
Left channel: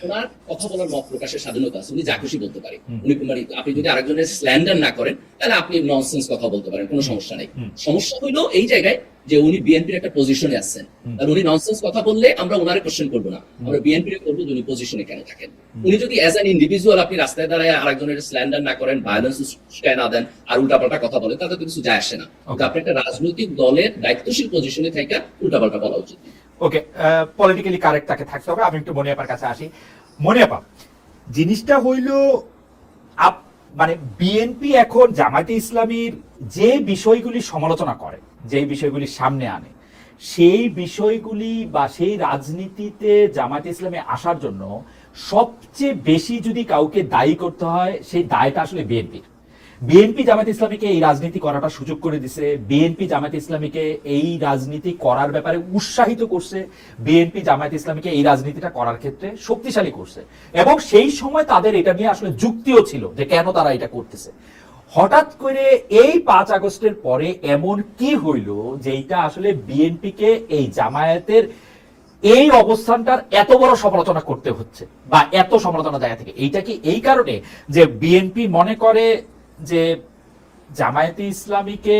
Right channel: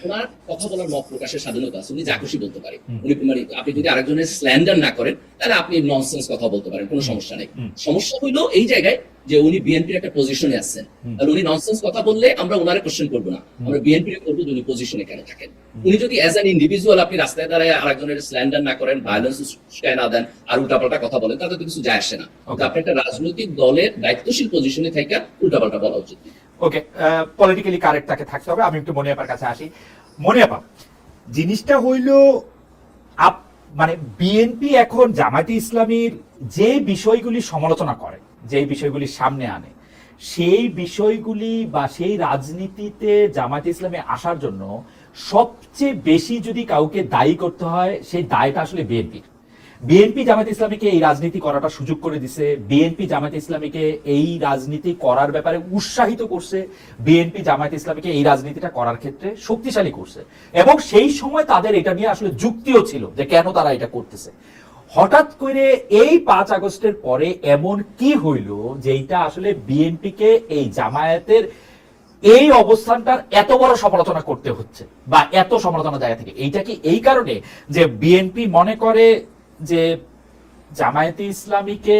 ওনার কথা বলার মত প্রকাশের স্বাধীনতা আছে উনি যা খুশি বলতে পারে। উনি মানে আপনি যদি আরেকজনের স্ল্যান্ডার না করেন তাহলে আপনি ননসেন্স কথা বলতে পারেন কোনো সমস্যা নেই। সমস্যা হইল এই জায়গায় যে উনি বিএনপির একটা পজিশনে আছেন। আর উনি ননসেন্স কথা বললে আমরা ওনারে কোশ্চেন করব না। আমরা বিএনপির করব উনি পজিশনে কেন থাকেন? উনি যদি অ্যাজ অ্যান ইন্ডিভিজুয়াল আপনি রাস্তায় দাঁড়ায় আরেকজনের স্ল্যান্ডার না করেন ভায়োলেন্স না দেন আর উল্টাপাল্টা কথা বলেন তাতে তো কিছু যায় আসে না। আপনি একটা রাজনৈতিক দলের দায়িত্বশীল পজিশনে থেকে উল্টাপাল্টা বলা উচিত। ওকে পলিটিক্যালি কারেক্ট তাকে থাকতে হবে। আমি একটু মনিয়াপার কাছে আসি। মনিয়াপা জিনিসটা হইল আপ- মানে বিএনপি এখন জামায়াতে ইসলামীর যে বিষয়গুলি সমালোচনা করে যে বিষয়গুলি সামনে আনে। সেই বিষয়গুলি বা সেই রাজনীতিতে জামায়াতে ইসলামী আসার জন্য সবচেয়ে বেশি যদি কাউকে দায়ী করতে হয়, সেই দায়টা আসলে বিএনপির বিএনপি জামাত ইসলামীকে এই রাজনীতি করাটা সুযোগ করে দিছে। বিএনপি জামাত ইসলামীকে এই রাজনীতি করার ব্যাপারে উৎসাহিত করছে। বিএনপি জামাত ইসলামীকে এই রাজনীতিটা করার ক্ষেত্রে শক্তিশালী করছে। এবং সেই সময় তাদের এটা নিয়ে আসলে যুক্তিও ছিল যে কেন তারা এটা করতেছে। হঠাৎ করে এই পাঁচ আগস্টের পরে এমন কি হইল যেটা আসলে বিএনপিকে এই জামায়াতের এই অবস্থানটার এত বড় সমালোচনা করতে হচ্ছে বা এত সমালোচনা জায়গা থেকে? এইটা কি এই কারণে যে বিএনপি মনে করে যে জামায়াতে ইসলামীকে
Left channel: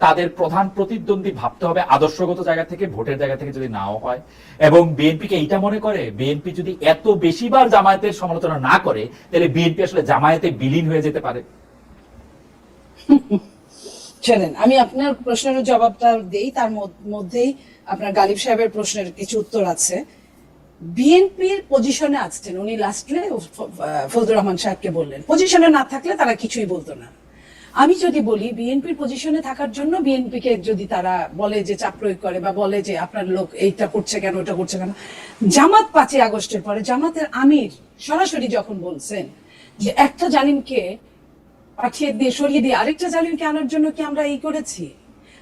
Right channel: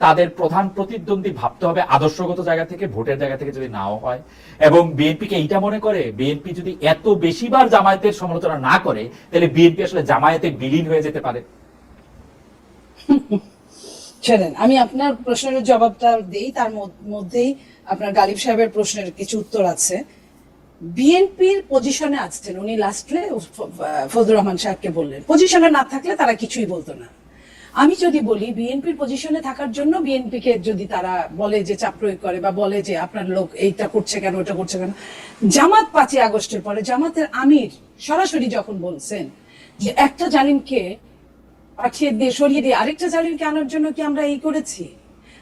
তাদের প্রধান প্রতিদ্বন্দ্বী ভাবতে হবে আদর্শগত জায়গা থেকে, ভোটের জায়গা থেকে যদি নাও হয়? এবং বিএনপিকে এইটা মনে করে, বিএনপি যদি এত বেশিবার জামায়াতের সমালোচনা না করে, তাহলে বিএনপি আসলে জামায়াতে বিলীন হয়ে যেতে পারে? *laughs* শোনেন আমি আপনার প্রশ্নের জবাবটা দেই, তার মধ্য- মধ্যেই আপনার গালিব সাহেবের প্রশ্নের কিছু উত্তর আছে। বিএনপির পজিশনে আছেন, উনি লাস্টে ফজলুর রহমান সাহেবকে বললেন। পজিশনে না থাকলে তারা কিছুই বলতো না। আমি যদি বলি, বিএনপির পজিশনে থাকার জন্য বিএনপিকে যদি তারা বলে যে চাপ প্রয়োগ করে বা বলে যে আপনার লোক এইটা করছে কেন ওটা করছে কেন, জামাত পাঁচই আগস্টের পরে, জামাতের আমির সরাসরি যখন বলছেন যে একটা জালিমকে পাঠিয়ে দিয়ে, সরিয়ে দিয়ে, আরেকটা জালিমকে আনার জন্য কি আমরা এই করেছি?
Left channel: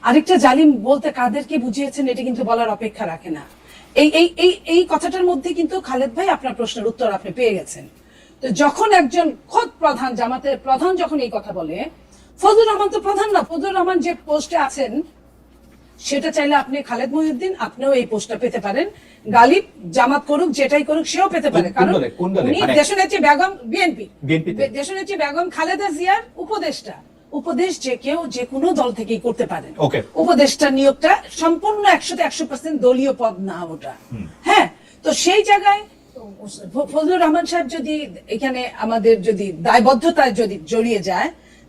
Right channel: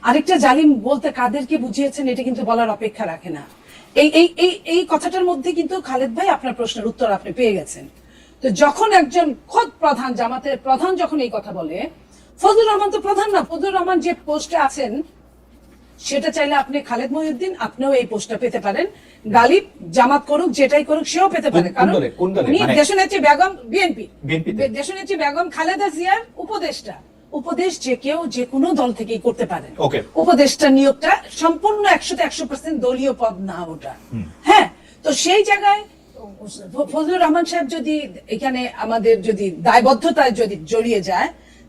আরেকটা জালিম বলতে কাদেরকে বুঝিয়েছেন, এটা কিন্তু বলার অপেক্ষা রাখে না। এই এই এই এই কথাটার মধ্যে কিন্তু খালেদ ভাই আপনার প্রশ্নের উত্তর আপনি পেয়ে গেছেন। তো যখন একজন খোদ প্রধান, জামাতের প্রধান যখন এই কথা বলে, ফজলুর রহমান তো প্রধান না, ফজলুর রহমান যে পোস্টে আছেন, সেটা চাইলে আপনি খালেদ মহিউদ্দিন, আপনিও এই পোস্টটা পেতে পারেন। গালিব জামাত করুক যেটাই করুক সেও পেতে পারে। কারণ? উনি মানে- দেশনেত্রী বেগম বিএনপি? দেশনেত্রী বেগম খালেদা জিয়ার উপদেষ্টা। উপদেশ যে কেউ যে কোনো দল থেকেই করতে পারে। উপদেষ্টা নিয়োগটা সম্পূর্ণ একশোতে একশো পার্সেন্ট দলীয় পদ না ওটা। হ্যাঁ তো সেই জায়গায় ফজলুর রহমান সাহেব যদি এখানে আমাদের যদি দায়বদ্ধতায় যদি জড়িয়ে যায়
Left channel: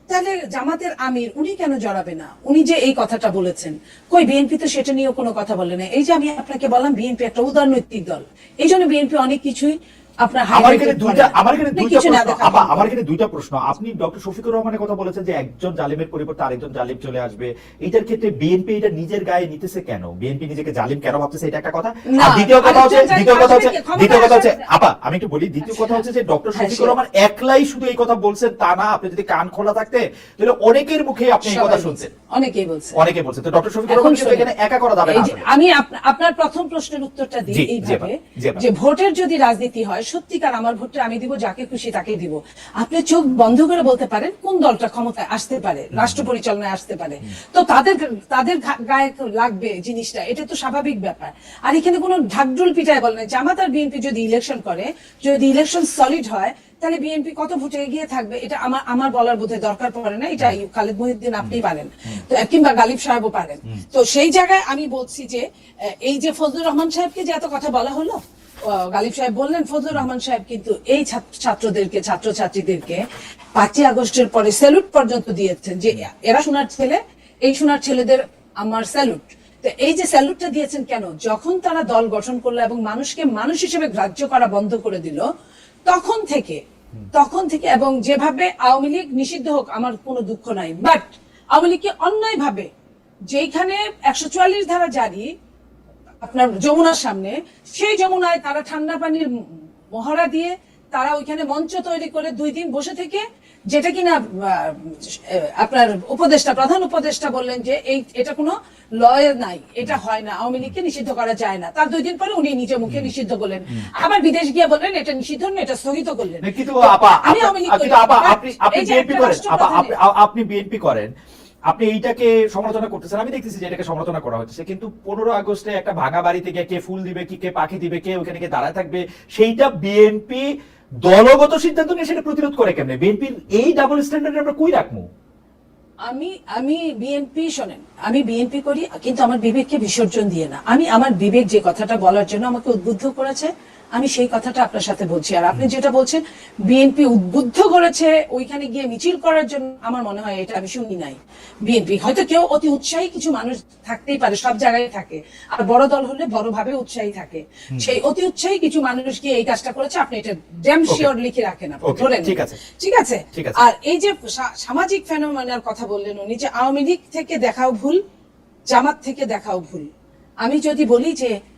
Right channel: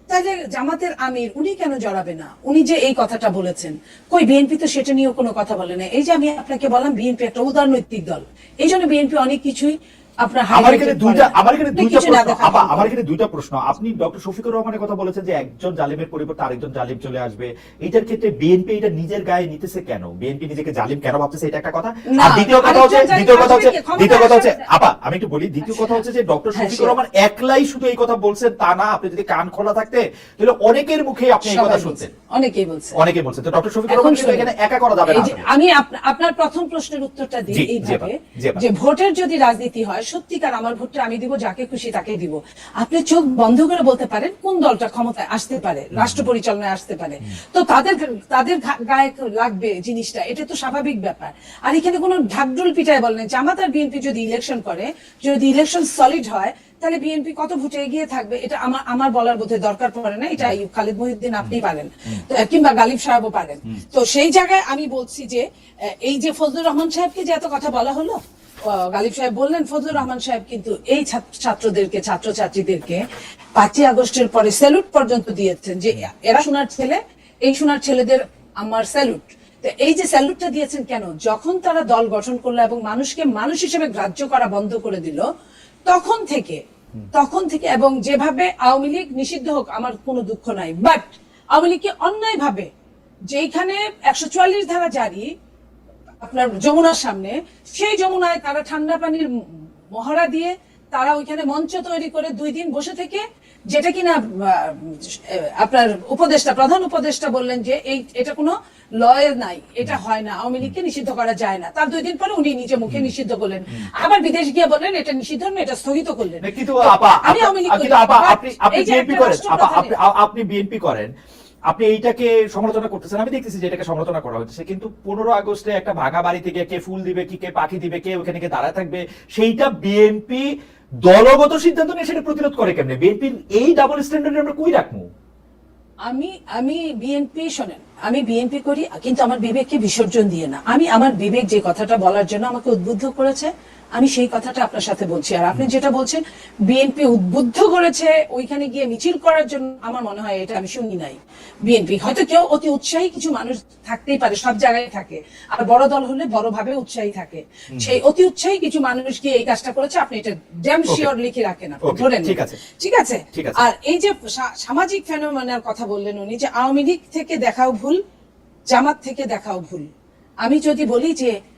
তাহলে জামাতের আমির, উনি কেন জড়াবে না? উনি যে এই কথাটা বলেছেন। কই, বিএনপি তো সেটা নিয়েও কোনো কথা বলে না এই যে আমি আপনাকে বললাম, বিএনপি একটা উদারনৈতিক দল। এই জন্য বিএনপি অনেক কিছুই আমার এখানে দুইটা আমার এখানে দুইটা প্রশ্ন দেখা আপা, পাবেন। আমার এখানে দুইটা প্রশ্ন। আপনি ডক্টর শফিকুর রহমানের কথা বলেছেন যে একজন জালিমের পরিবর্তে আরেকজন জালিম চলে আসবে। এটার ক্ষেত্রে বিএনপি এটা নিজের গায়ে নিতেছে কেন? বিএনপি নিজেকে জালিম কেন ভাবতেছে? এটা একটা কথা। আর দ্বিতীয় কথা হচ্ছে দ্বিতীয় কথা হচ্ছে দ্বিতীয় কথা হচ্ছে আপা আমি একটু বলি। দ্বিতীয় কথা হচ্ছে যে ডক্টর হ্যাঁ, শফিকুর রহমান একলাই শুধু এই কথা বলছেন তা না আপনি যদি কান খোলা থাকতে তাহলে অনেকের মুখেই আপনি এই কথা শুনছেন। অনেকেই অনেকে বলছেন তো ডক্টর শফিকুর রহমান এখানে একা করা যাবে না আমি আপনার প্রথম প্রশ্নের উত্তরটা দিই এইভাবে। যে ভোটের যদি রাজনীতি হয় সত্যিকার আমার ভোটটা আমি দিব যাকে খুশি তাকে দিব। আপনি চোখ বন্ধ করে বলতে পারেন কোন দলটা ক্ষমতায় আসতে পারে রাষ্ট্র পরিচালনায় আসতে পারে। তো তাদের তাদের গায়ে লাগবে জিনিসটা এটা তো স্বাভাবিক ব্যাপার। আর এখানে কোনো ঢাকঢুল পিটায় বলে না জামাত আর বিএনপি যদি ইলেকশন করে যদি ইলেকশন সলিড হয় তাহলে বিএনপি কত ভোটে এগিয়ে থাকবে এটা আমার আমার বলার বোধহয় দরকার পড়ে না। এটা খালেদ মহিউদ্দিন আপনি পারেন। তো, কিংবা গালিব সাহেবও পারেন। তো সেই জায়গায় আমি বলছি যে এই যে ফজলুর রহমান সাহেবকে যে এত কথা বলা হলো গালিব সাহেব বললেন ফজলুর রহমান সাহেব কিন্তু এই ছাত্র- ছাত্রদেরকে ছাত্রছাত্রীদেরকে পাঁচই আগস্টের পরে স্যালুট পর্যন্ত দিয়েছেন যে এরা সোনার ছেলে এই সোনার ছেলেদের আমার স্যালুট এই যে স্যালুটটা দিয়েছেন কেন? যখন তারা দল গঠন করল এবং মানুষকে মানুষ হিসেবে গ্রাহ্য করা বন্ধ করে দিল তখন থেকে তখন থেকে এবং যেভাবে আওয়ামী লীগ নিষিদ্ধ হোক আমার কোনো দুঃখ নাই। বাট আওয়ামী লীগকে অন্যায় ভাবে যেখানে একশো চুয়াল্লিশ ধারা জারি আপনার যমুনার সামনে সেই যমুনায় তারা ঠান্ডা পানির মহড়া দিয়ে তারা ওইখানে মঞ্চ তৈরি করে দুই দিন বসে থেকে যেটা কিনা আপনার উপদেষ্টা প্রধান উপদেষ্টা বললেন যে এই এটা কোনো লয়ের নাই এটা হয় না আওয়ামী লীগকে নিষিদ্ধ করা যায় না। তার দুই দিন পরে উনি নিজে মুখে নিষিদ্ধ করলেন আবার বিদেশ গিয়ে বললেন এটা নিষিদ্ধ না এটা স্থগিত করলেন। আমি আওয়ামী লীগ বিএনপি করেন আপনি বিএনপি করেন। আপনি এইটাকে সমালোচনা করতেছেন, আমি দেখতেছি যে এটাকে সমালোচনা করা হচ্ছে। কিন্তু পনেরো আগস্টে একটা ভাঙা বাড়ি থেকে কে ফুল দিবে, কি কে পাখি দিবে, কে ওখানে কে দাঁড়ায় থাকবে, সেইটা বিএনপি দলগত সিদ্ধান্ত নিয়ে সেটা প্রতিরোধ করে কেমনে? বিএনপির এই ডাবল স্ট্যান্ডার্ড আমরা কই রাখব? আমি আমি বিএনপি শোনেন, আমি বিএনপি করি, কিন্তু আমার বিবেককে বিসর্জন দিয়ে না। আমি, আমার বিবেক যে কথাটা বলার জন্য আমাকে উদ্বুদ্ধ করেছে আমি সেই কথাটা আপনার সাথে বলছি। আর আপনি যেটা বলছেন বিএনপি উদ্বুদ্ধ করেছে ওইখানে গিয়ে মিছিল করার জন্য আমার মনে হয় এটা আমি শুনি নাই। বিএনপি হয়তো কেউ অতি উৎসাহী কিছু মানুষ থাকতেই পারে সব জায়গায় থাকে। আর বড় দল হলে বড় ভাবে উৎসাহী থাকে। সেই অতি উৎসাহী কিছু মানুষ গিয়ে এই কাজটা করেছে আপনি এটা ড্যাম শিওর লিখে রাখেন আপনি ধরেন ঠিক আছে। ঠিক আছে? আর এই যে সামাজিক ফেনোমেনার কথা বললেন উনি যে আওয়ামী লীগ থেকে দেখাও ভুল জামাত থেকে দেখাও ভুল। আমি যদি বলি যে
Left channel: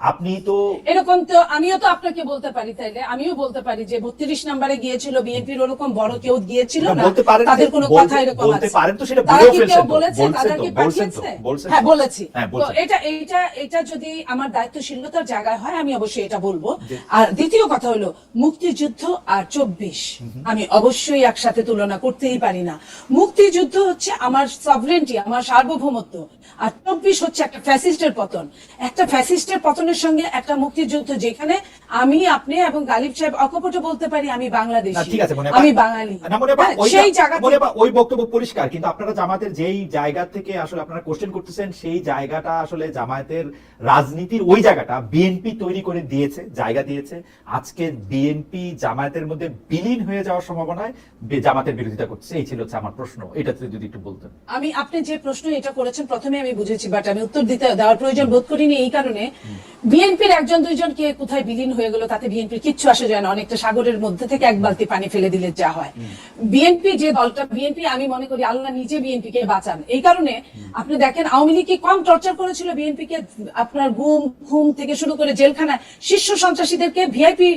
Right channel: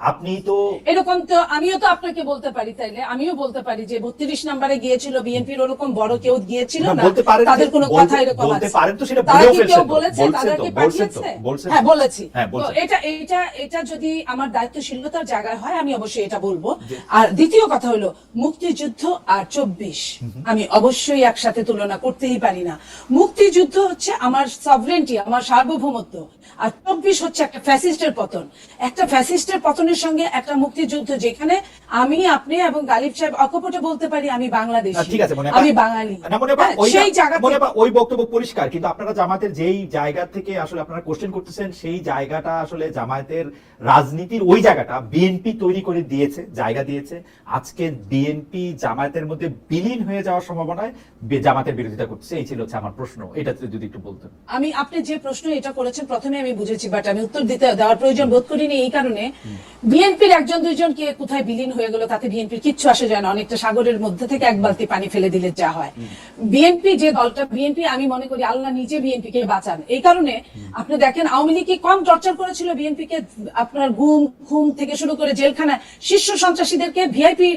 আপনি তো এরকম তো আমিও তো আপনাকে বলতে পারি তাইলে। আমিও বলতে পারি যে বত্রিশ নাম্বারে গিয়েছিল বিএনপির ওরকম বড় কেউ গিয়েছিল না, বলতে পারেন তাদের কোনো কথা এরকম বলতে পারেন তো সেটা বলেও ফেলছেন বলেছে? পাঠিয়েছে? হ্যাঁ বলেছি। হ্যাঁ, তো এটা এটা এটা যদি আমার দায়িত্বশীলতার জায়গায় হয় আমি অবশ্যই এটা বলব। আর দ্বিতীয় কথা হলো মুক্তিযুদ্ধ আর চব্বিশ আমি অবশ্যই একসাথে তুলনা করতেই পারি না। মুক্তিযুদ্ধ হচ্ছে আমার সভরেন্টি আমার সার্বভৌমত্ব। আর চব্বিশ হচ্ছে একটা ফ্যাসিস্টের পতন। একটা ফ্যাসিস্টের পতন আরেকজনের সঙ্গে একটা মুক্তিযুদ্ধ যেখানে আমি আপনি এবং গালিব সাহেব অকপটে বলতে পারি আমি বাংলাদেশি। ঠিক আছে আমি বাঙালি। হয় সেই জায়গা ওই বক্তব্য পরিষ্কার কিন্তু আপনারা জামাতের যেই জায়গা থেকে আসলে আপনারা কোশ্চেন করতেছেন সেই জায়গাটা আসলে জামায়াতের রাজনীতির ওই জায়গাটা বিএনপি তৈরি করে দিয়েছে জায়গা দিয়েছে। আজকে বিএনপি জামায়াতের মধ্যে বিলীন হয়ে যাওয়ার সম্ভাবনায় জামাতের বিরোধিতা করছে। এই ছিল হচ্ছে আমার প্রশ্ন। এটা যদি একটু বলতেন। আমি আপনি যে প্রশ্ন এটা করেছেন প্রথমে আমি বুঝেছি বাট আমি উত্তর দিতে দেওয়ার প্রয়োজন বোধ করিনি এই কারণে। বিএনপির একজন দুইজন কে কোথায় বিলীন হয়ে গেল তাতে বিএনপির কিচ্ছু আসে যায় না অনেকটা সাগরের মধ্যে থেকে এক বালতি পানি ফেলে দিলে যা হয়। বিএনপি যে দলটা বিএনপি আমি মনে করি আল্লাহ নিজে বিএনপি কে বাঁচান। এই কারণে আপনি দেখেন আওয়ামী লীগ কি কম টর্চার করেছিল বিএনপি কে? আপনার গুম খুম থেকে শুরু করে জেলখানায় শীর্ষ সন্ত্রাসীদেরকে ভিআইপি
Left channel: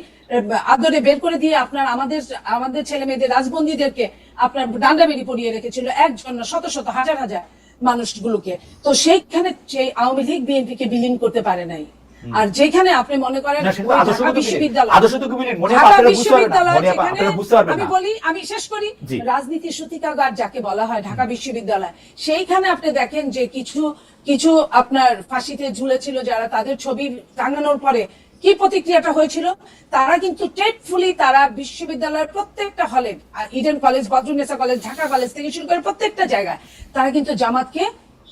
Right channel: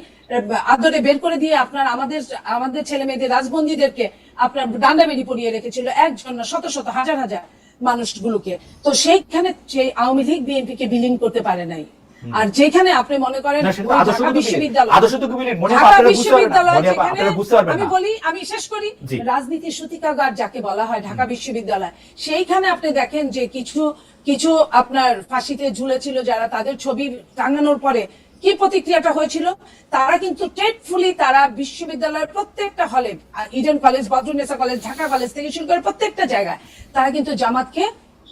আদরে বের করে দিয়ে আপনার আমাদের আমাদের ছেলে মেয়েদের রাজবন্দীদেরকে আপনার ডান্ডা বেরি পরিয়ে রেখেছিল। একজন শত শত হাজার হাজার। মানুষগুলোকে। তো সেইখানে সেই আওয়ামী লীগ বিএনপি কে বিলীন করতে পারে নাই। আর যেখানে আপনি মনে করেন। বিশ্ববিদ্যালয়। ঢাকা যেখানে আমি বলি আমি শেষ করি। রাজনীতির সূতিকাগার যাকে বলা হয় ঢাকা বিশ্ববিদ্যালয় সেইখানে আপনি দেখেন যে কিছু কিছু আপনার ফাঁসিতে ঝুলেছিল যারা তাদের ছবি টাঙানোর পরে কি প্রতিক্রিয়াটা হয়েছিল? তারা কিন্তু টেটফুলি তারা বিশ্ববিদ্যালয়ের প্রত্যেকটা হলে Eden college Badrunnesa college Dhaka college থেকে শুরু করে প্রত্যেকটা জায়গায় তারা কিন্তু জামাতকে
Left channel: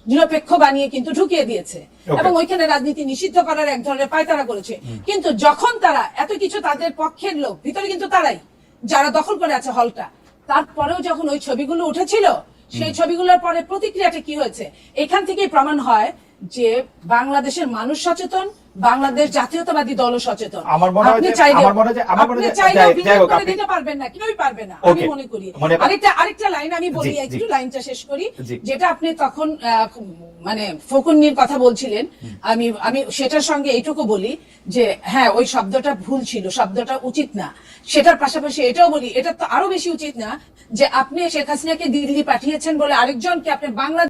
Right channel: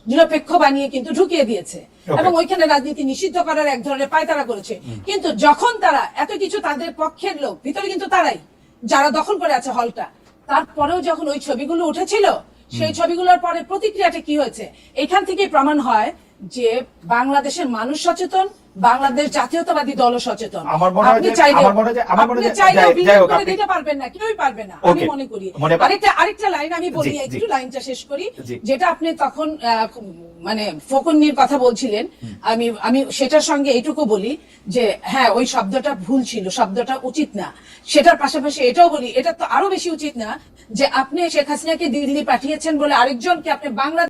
নিরপেক্ষ বানিয়ে কিন্তু ঢুকিয়ে দিয়েছে। এবং ওইখানে রাজনীতি নিষিদ্ধ করার এক ধরনের পায়তারা করেছে। কিন্তু যখন তারা এত কিছু তাদের পক্ষের লোক ভিতরে কিন্তু তারাই যারা দখল করে আছে হলটা তারপরেও যখন ওই ছবিগুলো উঠেছিল সেই ছবিগুলোর পরে প্রতিক্রিয়াটা কি হয়েছে? এখান থেকেই প্রমাণ হয় যে বাংলাদেশের মানুষ সচেতন বাংলাদেশ জাতীয়তাবাদী দল সচেতন। আমার মনে হয় যে- আমার মনে হয় আমার মনে আপনি হয় যাই- হোক, আপনি- দিতে পারবেন না কেউই পারবে না আমি মনে করি। আরেকটা আরেকটা লাইন আমি বলি। একটু লাইনটা শেষ করি যেটা আপনি তখন মানে ফকুন্নির কথা বলছিলেন। আমি আমি সেটার সঙ্গে এইটুকু বলি যে হ্যাঁ ওই শব্দটা ভুল ছিল শব্দটা উচিত না। সেটার পাশাপাশি এটাও বলি এটা তো আরও বেশি উচিত না যে আপনি শেখ হাসিনাকে দিল্লি পাঠিয়েছেন বলে আরেকজনকে আপনি বাংলা